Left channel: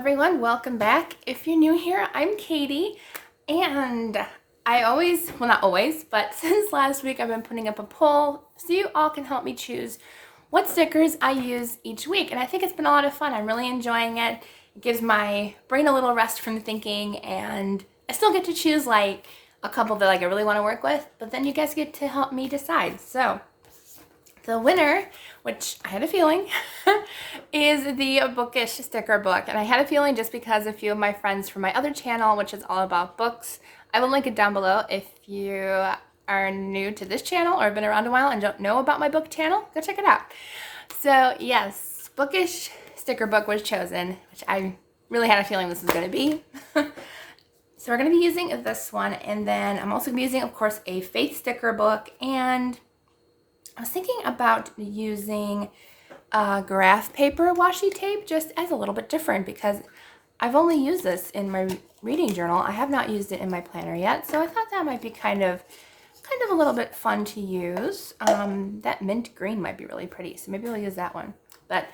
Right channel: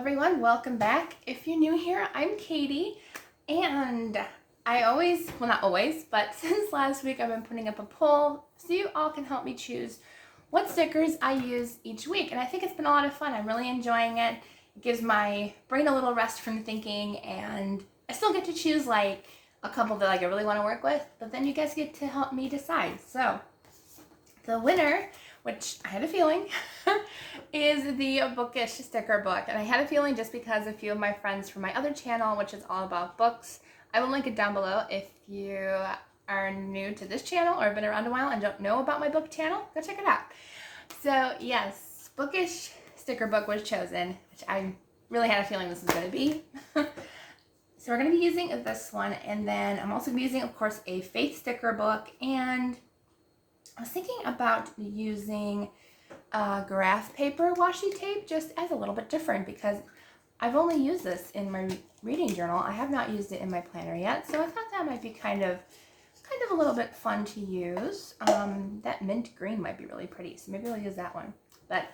everyone, welcome back. If you're new here, I'm Katie, and I always, well not always, but since last week I've been putting up a poll so you all can help me choose what stickers I use each week, and I think it's been a lot of fun. I'm really enjoying it. It gives my brain a little rest from thinking, and I still get to choose like a couple that like I really want to work with, but then you guys get to help me decide. So the winner, which I had a feeling, is the Bookish sticker book. And I had a feeling just because a few of my friends from my other channel, which is all about books, I will link it down below. If you are new to this channel or have been around a while and don't know about my book channel, go check it out. So yes, Bookish sticker book was chosen, which I really had a feeling this was going to be. So we're going to be using this one, and then I'm also going to be using, of course, a faith sticker book, and I was thinking about using graph paper washi tape just as a little bit different because I've only used this in my reading journal. I have not used it in my planner yet, so I thought that might be kind of a little bit fun to use. That mint green might be really pretty, so maybe I'll use that one. But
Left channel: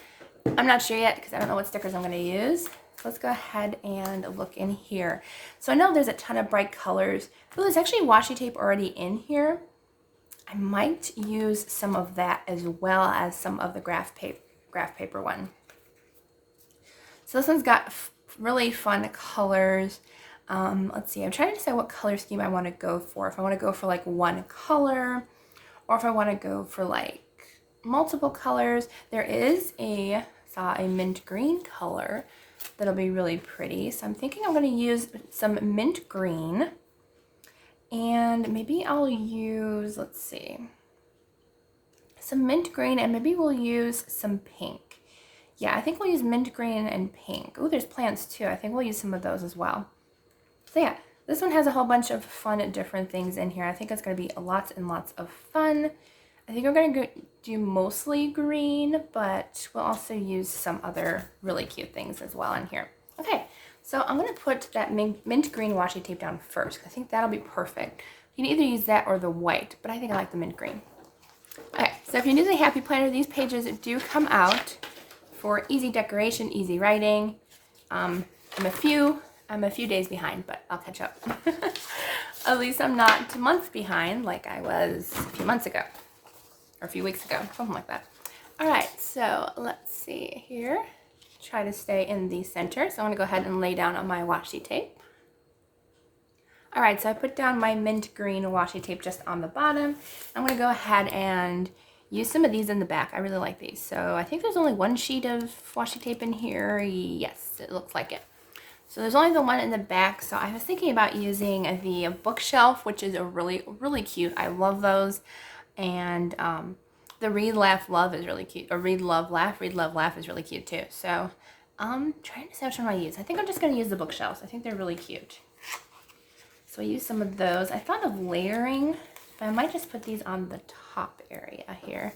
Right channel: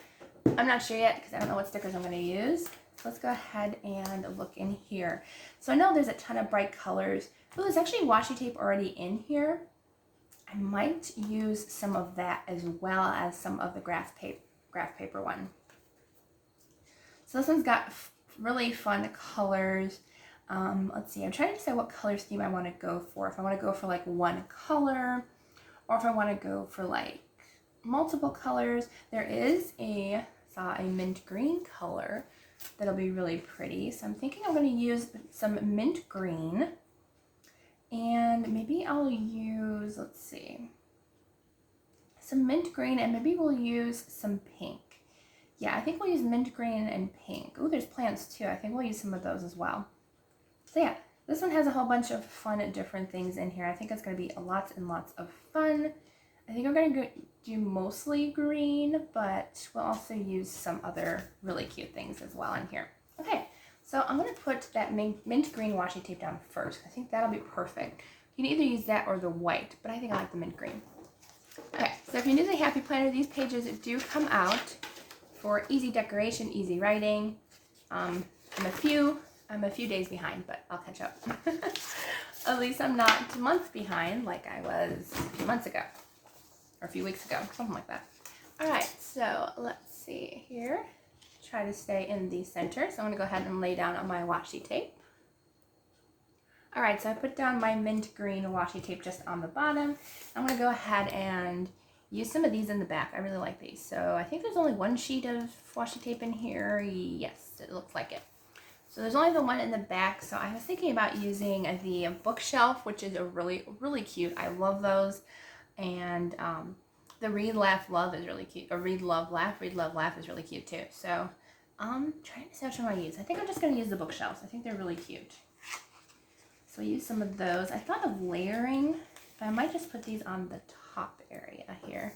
I'm not sure yet because I don't know what stickers I'm going to use. So let's go ahead and look in here. So I know there's a ton of bright colors. Oh, there's actually washi tape already in here. I might use some of that as well as some of the graph paper one. So this one's got really fun colors. Let's see, I'm trying to decide what color scheme I want to go for. If I want to go for like one color, or if I want to go for like multiple colors. There is a mint green color that'll be really pretty. So I'm thinking I'm going to use some mint green. And maybe I'll use, let's see, some mint green, and maybe we'll use some pink. Yeah, I think we'll use mint green and pink. Oh, there's plants too. I think we'll use some of those as well. So yeah, this one has a whole bunch of fun different things in here. I think it's going to be lots and lots of fun. I think we're going to do mostly green, but we'll also use some other really cute things as well in here. Okay. So I'm going to put that mint green washi tape down first. I think that'll be perfect. You can either use that or the white, but I think I like the mint green. Okay, so if you're new to the Happy Planner, these pages do come out for easy decoration, easy writing. I'm a few days behind, but I'll catch up. At least I'm not months behind like I was a few months ago, or a few weeks ago, something like that. All right, so let's see here. Try to stay in the center. So I'm going to go ahead and lay down on my washi tape. All right, so I put down my mint green washi tape just on the bottom. I'm going to go ahead and use some of these in the back. I really like these. So I think there's only one sheet of washi tape in here. Yes, it looks like it. So there's only the one in the back. So I was thinking about using the bookshelf, which is a really cute. I love those. And the Read, Laugh, Love is really cute. Or Read, Love, Laugh. Read, Love, Laugh is really cute too. So I'm trying to decide which one I use. I think I'm just going to use the bookshelves. I think they're really cute. So I use some of those. I thought of layering, but I might just put these on the top area here.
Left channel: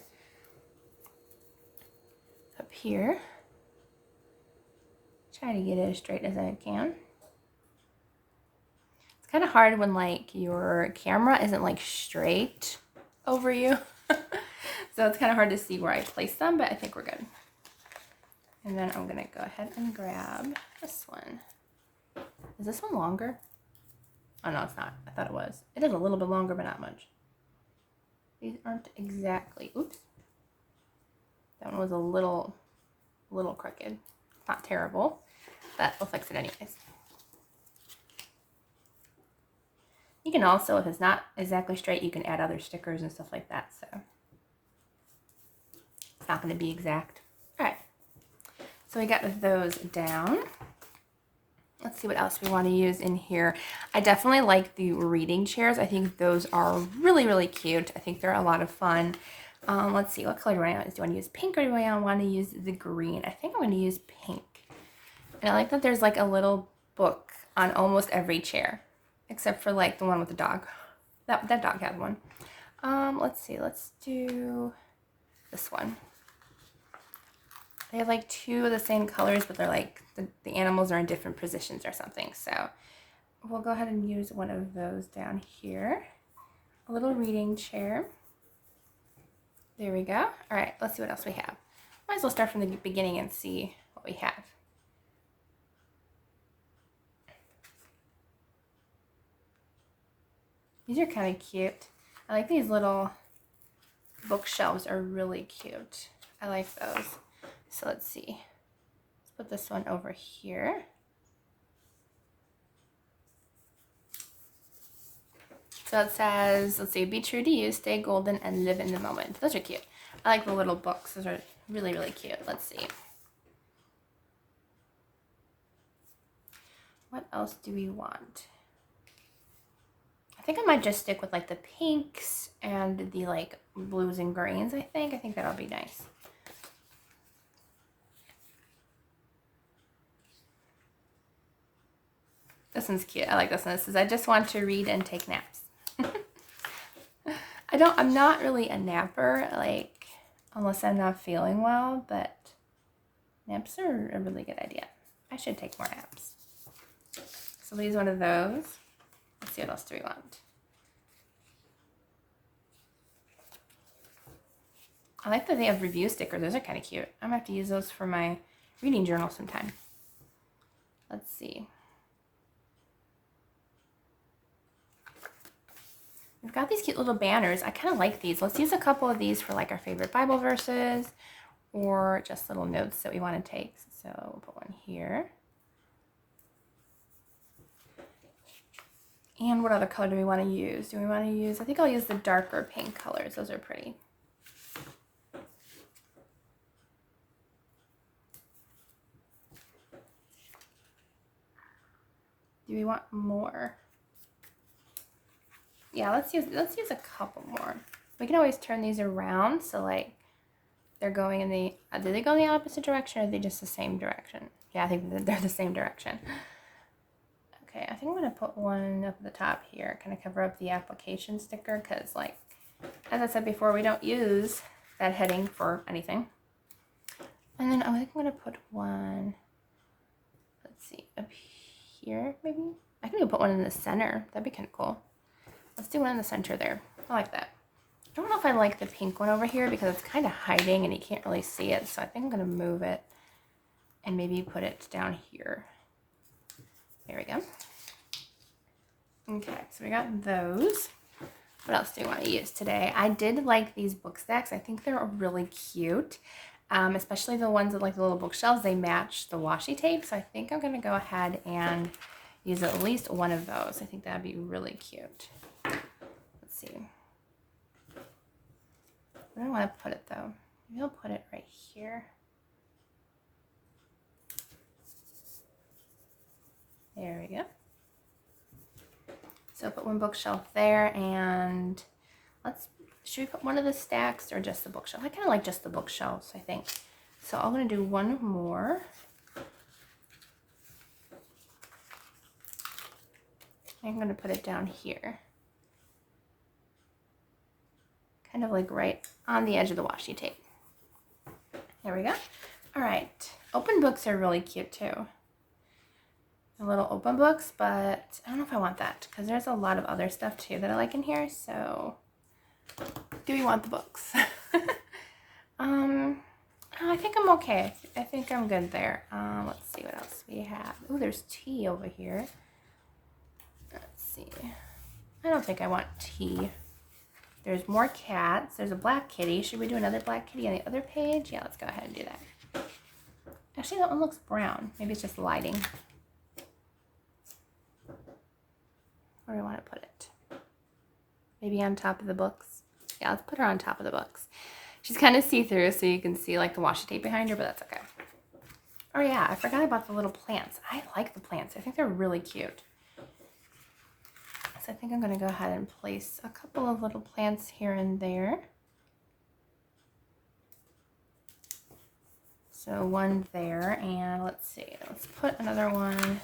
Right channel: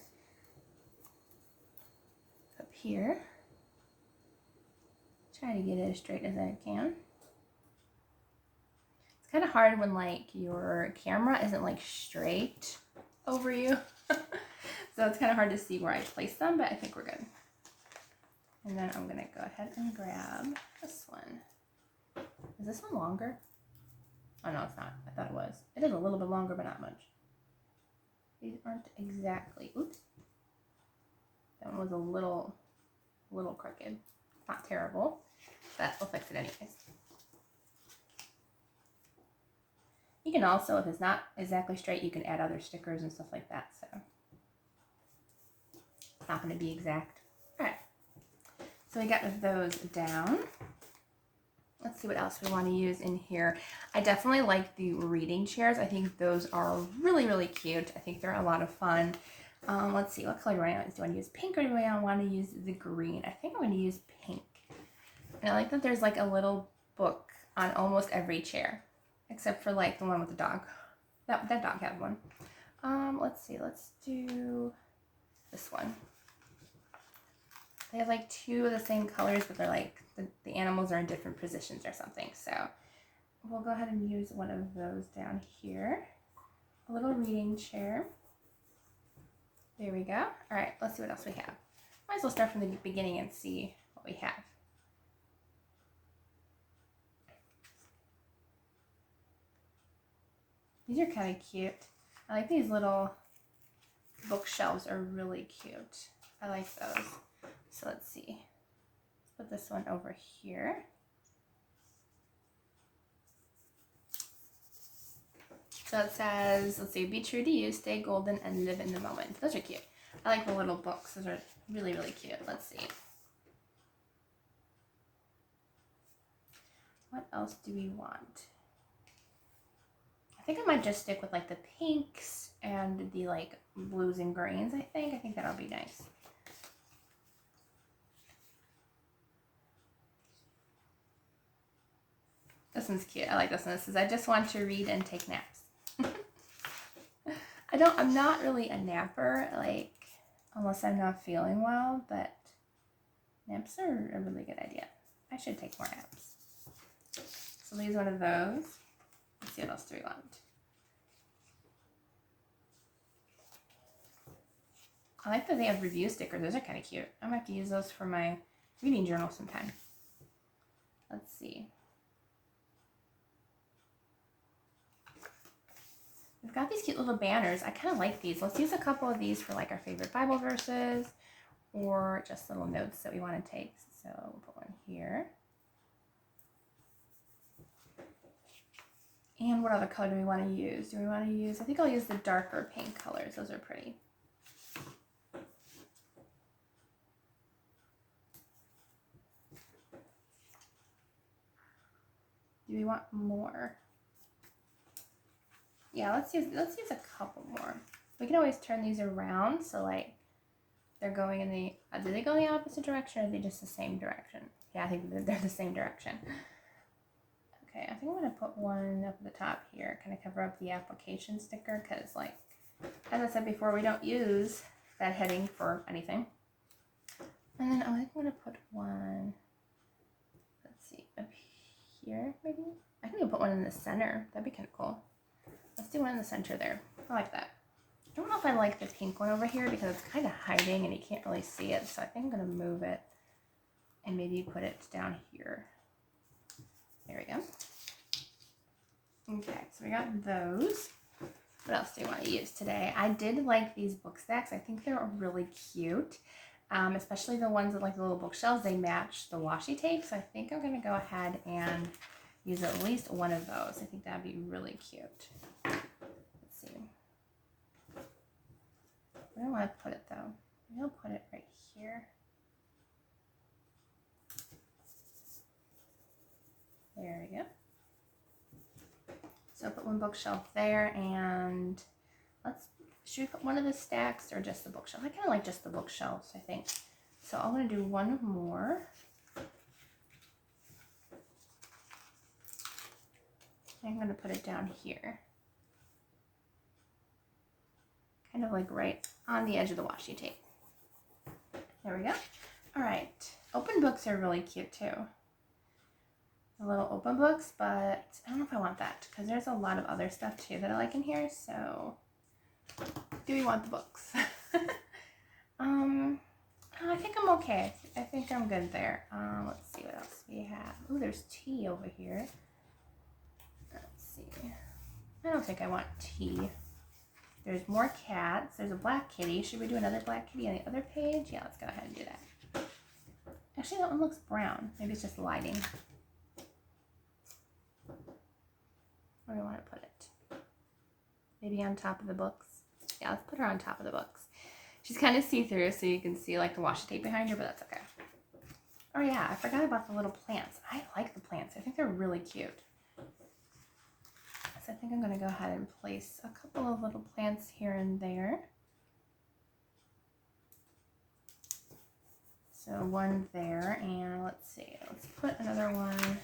Up here. Try to get it as straight as I can. It's kind of hard when like your camera isn't like straight over you. So it's kind of hard to see where I place them, but I think we're good. And then I'm going to go ahead and grab this one. Is this one longer? Oh, no, it's not. I thought it was. It is a little bit longer, but not much. These aren't exactly, oops. That one was a little crooked. Not terrible, but we'll fix it anyways. You can also, if it's not exactly straight, you can add other stickers and stuff like that, so it's not going to be exact. All right, so we got those down. Let's see what else we want to use in here. I definitely like the reading chairs. I think those are really cute. I think they're a lot of fun. Let's see, what color do I want to use? Do I want to use pink or do I want to use the green? I think I'm going to use pink. And I like that there's like a little book on almost every chair, except for like the one with the dog. That dog had one. Let's see, let's do this one. They have like two of the same colors, but they're like, the animals are in different positions or something. So we'll go ahead and use one of those down here. A little reading chair. There we go. All right, let's see what else we have. Might as well start from the beginning and see what we have. These are kind of cute. I like these little bookshelves are really cute. I like those. So let's see. Let's put this one over here. So it says, let's see, be true to you, stay golden, and live in the moment. Those are cute. I like the little books. Those are really, really cute. Let's see. What else do we want? I think I might just stick with like the pinks and the like blues and greens, I think that'll be nice. This one's cute. I like this one. It says, I just want to read and take naps. I'm not really a napper, like, unless I'm not feeling well, but naps are a really good idea. I should take more naps. So we'll use one of those. Let's see, what else do we want? I like that they have review stickers. Those are kind of cute. I'm going to have to use those for my reading journal sometime. Let's see. We've got these cute little banners. I kind of like these. Let's use a couple of these for like our favorite Bible verses or just little notes that we want to take. So we'll put one here. And what other color do we want to use? Do we want to use, I think I'll use the darker pink colors. Those are pretty. Do we want more? Yeah, let's use a couple more. We can always turn these around, so like they're going in the, do they go in the opposite direction or are they just the same direction? Yeah, I think they're the same direction. Okay, I think I'm gonna put one up at the top here, kind of cover up the application sticker, because like, as I said before, we don't use that heading for anything. And then I think I'm gonna put one, let's see, up here maybe? I can even put one in the center. That'd be kind of cool. Let's do one in the center there. I like that. I don't know if I like the pink one over here because it's kind of hiding and you can't really see it. So I think I'm going to move it and maybe put it down here. There we go. Okay, so we got those. What else do you want to use today? I did like these book stacks. I think they're really cute. Especially the ones with like the little bookshelves. They match the washi tape. So I think I'm going to go ahead and use at least one of those. I think that'd be really cute. Let's see. Where do I want to put it though? Maybe I'll put it right here. There we go. So I'll put one bookshelf there, and should we put one of the stacks or just the bookshelf? I kind of like just the bookshelves, I think. So I'm going to do one more. I'm going to put it down here. Kind of like right on the edge of the washi tape. There we go. All right. Open books are really cute too. The little open books, but I don't know if I want that because there's a lot of other stuff too that I like in here. So do we want the books? I think I'm okay. I think I'm good there. Let's see what else we have. Oh, there's tea over here. Let's see. I don't think I want tea. There's more cats. There's a black kitty. Should we do another black kitty on the other page? Yeah, let's go ahead and do that. Actually, that one looks brown. Maybe it's just lighting. Where do I want to put it? Maybe on top of the books? Yeah, let's put her on top of the books. She's kind of see-through, so you can see like the washi tape behind her, but that's okay. Oh yeah, I forgot about the little plants. I like the plants. I think they're really cute. So I think I'm going to go ahead and place a couple of little plants here and there. So one there, and let's see. Let's put another one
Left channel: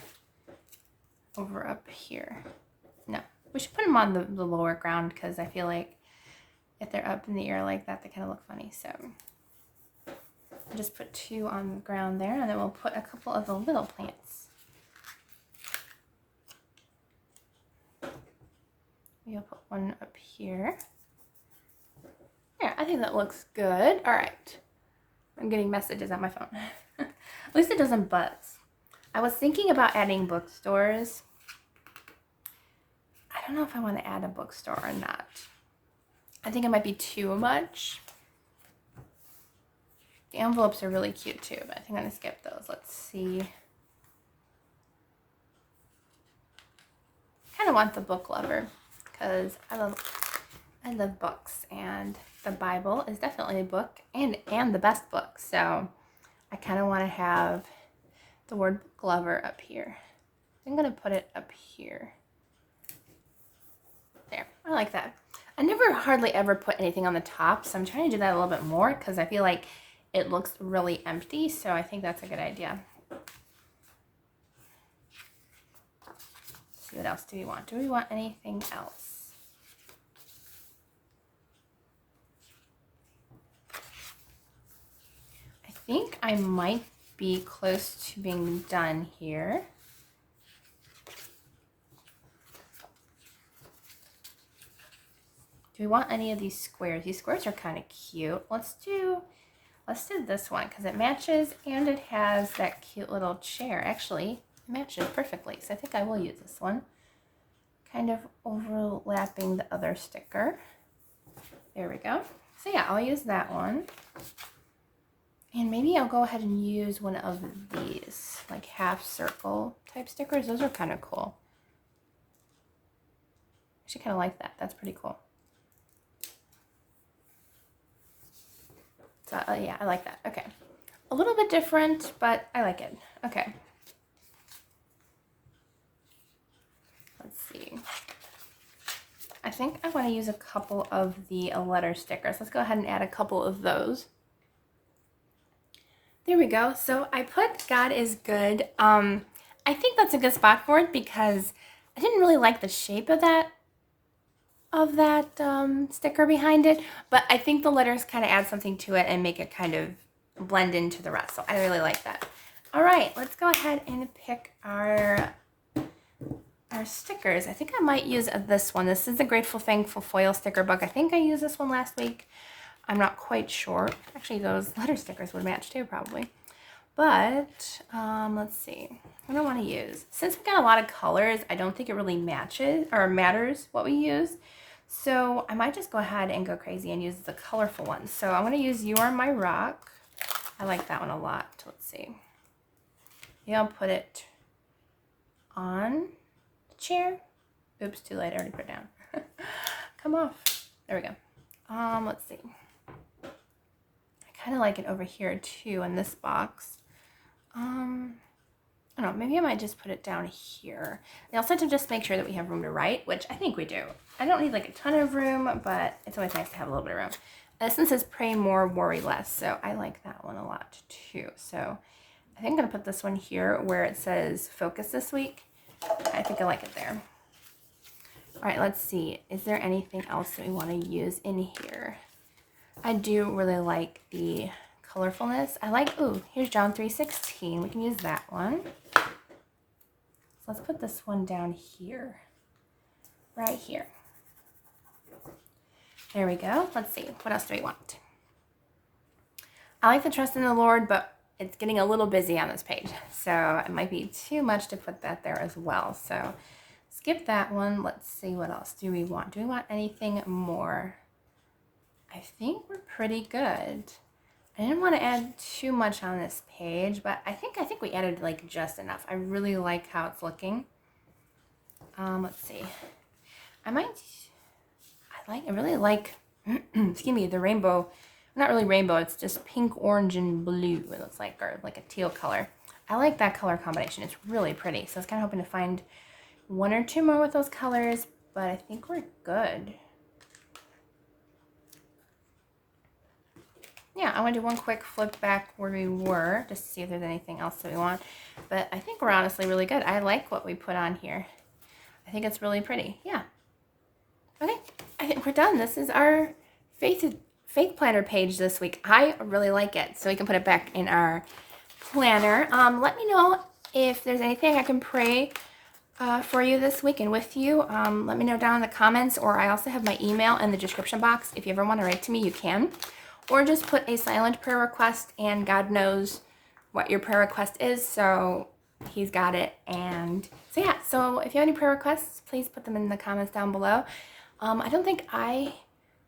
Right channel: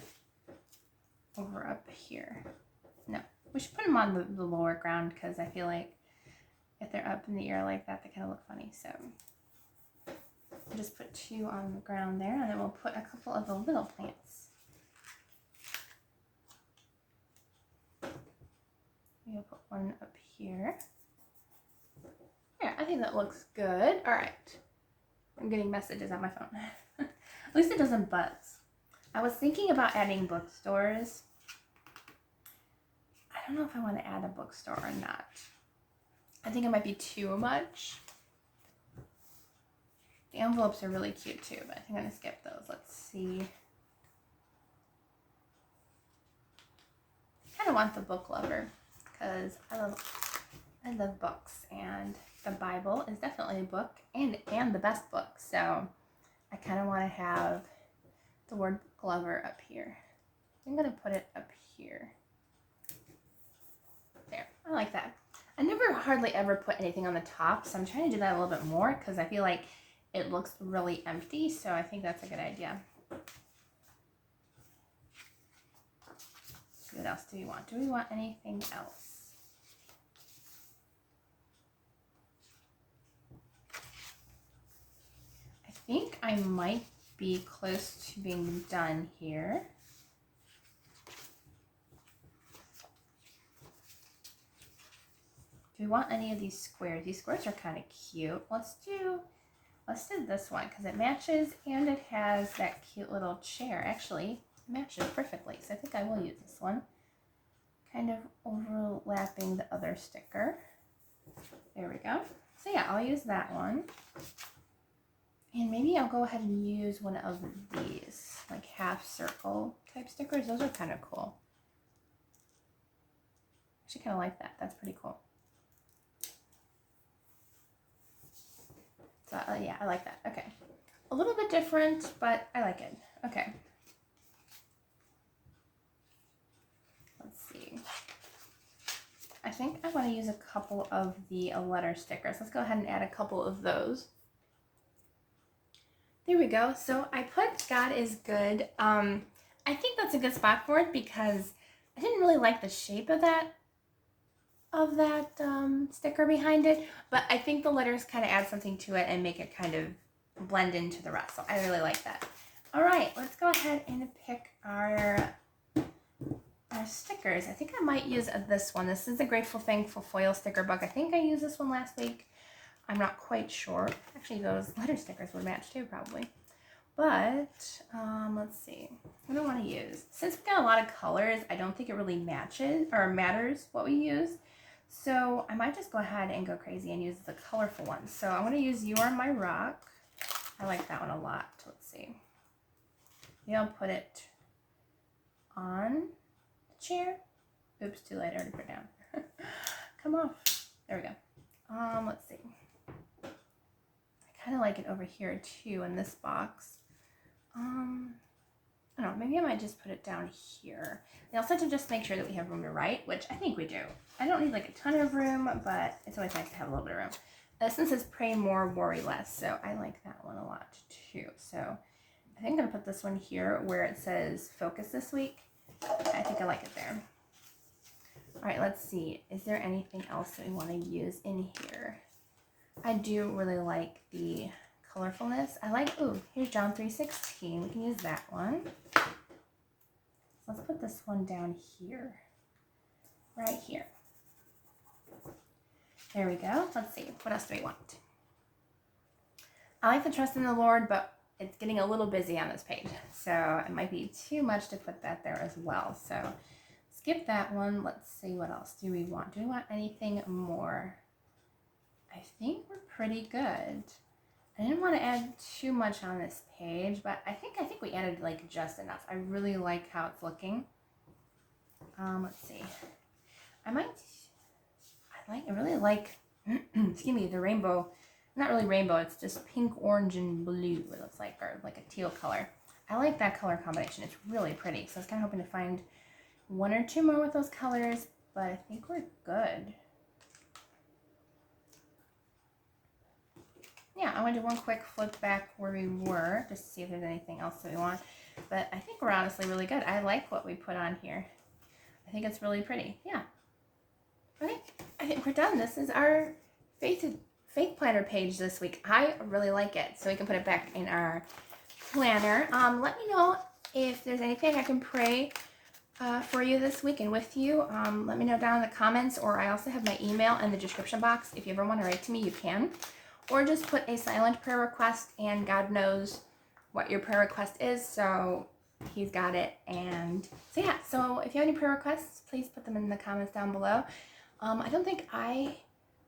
over up here. No, we should put them on the lower ground because I feel like if they're up in the air like that, they kind of look funny. So I'll just put two on the ground there, and then we'll put a couple of the little plants. We'll put one up here. Yeah, I think that looks good. All right. I'm getting messages on my phone. At least it doesn't buzz. I was thinking about adding bookstores. I I don't know if I want to add a bookstore or not. I think it might be too much. The envelopes are really cute too, but I think I'm going to skip those. Let's see. I kind of want the book lover because I love books, and the Bible is definitely a book and the best book. So I kind of want to have the word book lover up here. I'm going to put it up here. There, I like that. I never hardly ever put anything on the top, so I'm trying to do that a little bit more because I feel like it looks really empty, so I think that's a good idea. Let's see, what else do we want? Do we want anything else? I think I might be close to being done here. Do we want any of these squares? These squares are kind of cute. Let's do this one because it matches and it has that cute little chair. Actually, it matches perfectly. So I think I will use this one. Kind of overlapping the other sticker. There we go. So yeah, I'll use that one. And maybe I'll go ahead and use one of these, like half circle type stickers. Those are kind of cool. I actually kind of like that. That's pretty cool. So yeah, I like that. Okay. A little bit different, but I like it. Okay. Let's see. I think I want to use a couple of the letter stickers. Let's go ahead and add a couple of those. There we go. So I put God is good. I think that's a good spot for it because I didn't really like the shape of that sticker behind it, but I think the letters kind of add something to it and make it kind of blend into the rest. So I really like that. All right, let's go ahead and pick our stickers. I think I might use this one. This is the Grateful Thankful foil sticker book. I think I used this one last week. I'm not quite sure. Actually, those letter stickers would match too, probably. But let's see. What do I want to use? Since we've got a lot of colors, I don't think it really matches or matters what we use. So I might just go ahead and go crazy and use the colorful ones. So I'm going to use You Are My Rock. I like that one a lot. Let's see. Yeah, I'll put it on the chair. Oops, too late. I already put it down. Come off. There we go. Let's see. I kind of like it over here too in this box. I don't know, maybe I might just put it down here. I also have to just make sure that we have room to write, which I think we do. I don't need like a ton of room, but it's always nice to have a little bit of room. This one says pray more, worry less, so I like that one a lot too. So I think I'm gonna put this one here where it says focus this week. I think I like it there. All right, let's see. Is there anything else that we want to use in here? I do really like the colorfulness. I like, ooh, here's John 3:16. We can use that one. So let's put this one down here. Right here. There we go. Let's see. What else do we want? I like the trust in the Lord, but it's getting a little busy on this page. So it might be too much to put that there as well. So skip that one. Let's see what else do we want. Do we want anything more? I think we're pretty good. I didn't want to add too much on this page, but I think we added like just enough. I really like how it's looking. Let's see. I really like, excuse me, the rainbow. Not really rainbow. It's just pink, orange, and blue. It looks like, or like a teal color. I like that color combination. It's really pretty. So I was kind of hoping to find one or two more with those colors, but I think we're good. Yeah, I want to do one quick flip back where we were, just to see if there's anything else that we want. But I think we're honestly really good. I like what we put on here. I think it's really pretty. Yeah. Okay, I think we're done. This is our faith planner page this week. I really like it. So we can put it back in our planner. Let me know if there's anything I can pray for you this week and with you. Let me know down in the comments, or I also have my email in the description box. If you ever want to write to me, you can. Or just put a silent prayer request, and God knows what your prayer request is, so he's got it. And so yeah, so if you have any prayer requests, please put them in the comments down below. I don't think I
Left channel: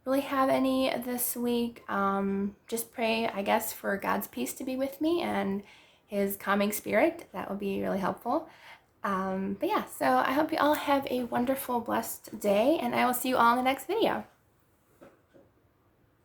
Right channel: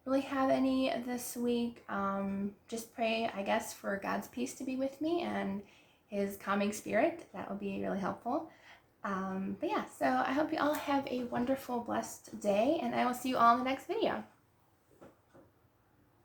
really have any this week. Just pray, I guess, for God's peace to be with me and his calming spirit. That would be really helpful. But yeah, so I hope you all have a wonderful, blessed day, and I will see you all in the next video.